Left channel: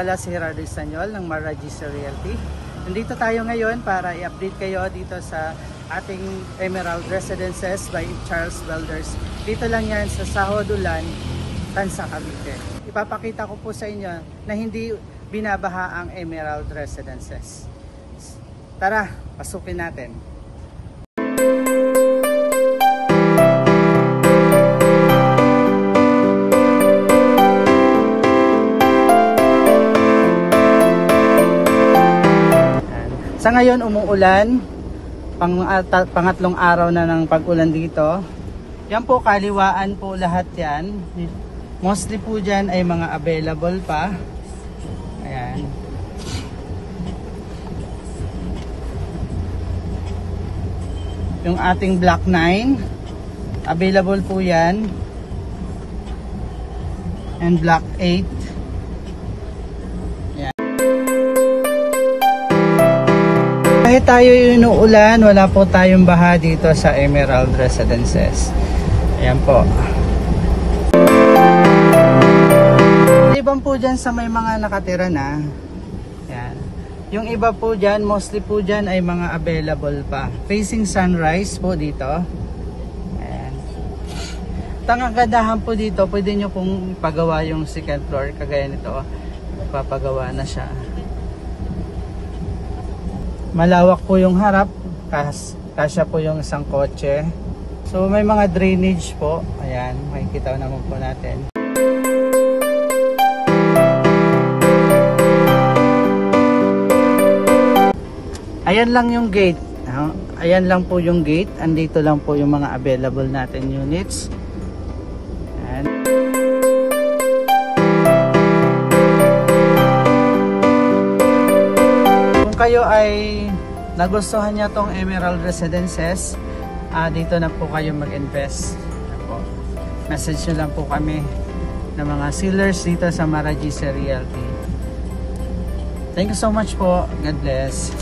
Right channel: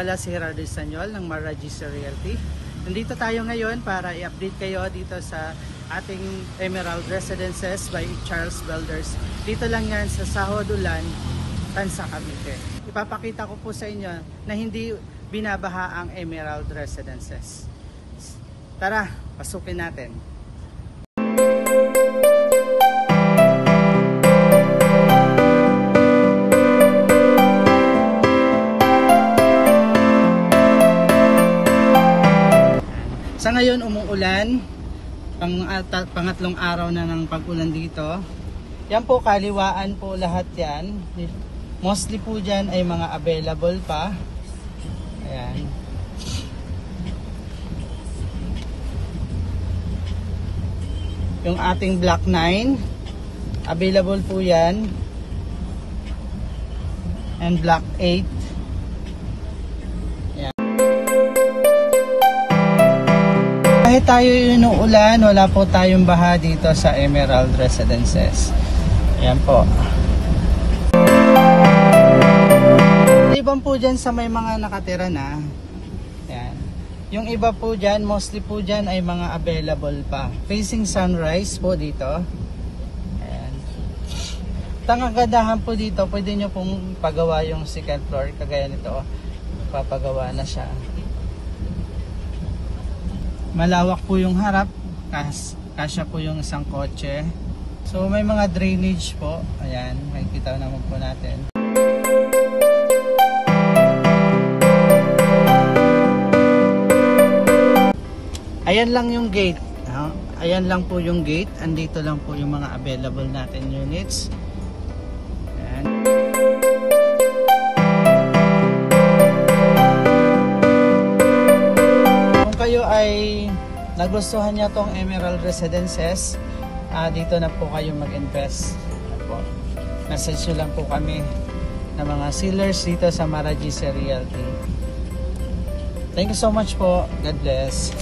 pala si Gerardo Estanyol ng Mara GC Realty. Nandito tayo ngayon para i-update kayo dito sa ating Emerald Residences by Charles Builders. Dito lang yan sa Sahod Ulan, Tansa, Cavite. Ipapakita ko po sa inyo na hindi binabaha ang Emerald Residences. Tara, pasukin natin. Sa ngayon umuulan, pangatlong araw na ng pag-ulan dito. Yan po, kaliwaan po lahat yan. Mostly po dyan ay mga available pa. Ayan. Yung ating Block 9, available po yan. And Block 8. Kahit tayo yung ulan, wala po tayong baha dito sa Emerald Residences. Ayan po. Iban po dyan sa may mga nakatira na. Ayan. Yung iba po dyan, mostly po dyan ay mga available pa. Facing sunrise po dito. Ayan. Tangagandahan po dito, pwede nyo pong pagawa yung second floor. Kagaya nito, papagawa na siya. Malawak po yung harap, kasya po yung isang kotse. So may mga drainage po. Ayan, makikita naman po natin. Ayan lang yung gate. Ayan lang po yung gate. Andito lang po yung mga available natin units. Ayan. Kayo ay nagustuhan niya tong Emerald Residences, dito na po kayo mag-invest. Message nyo lang po kami ng mga sellers dito sa Mara GC Realty. Thank you so much po. God bless.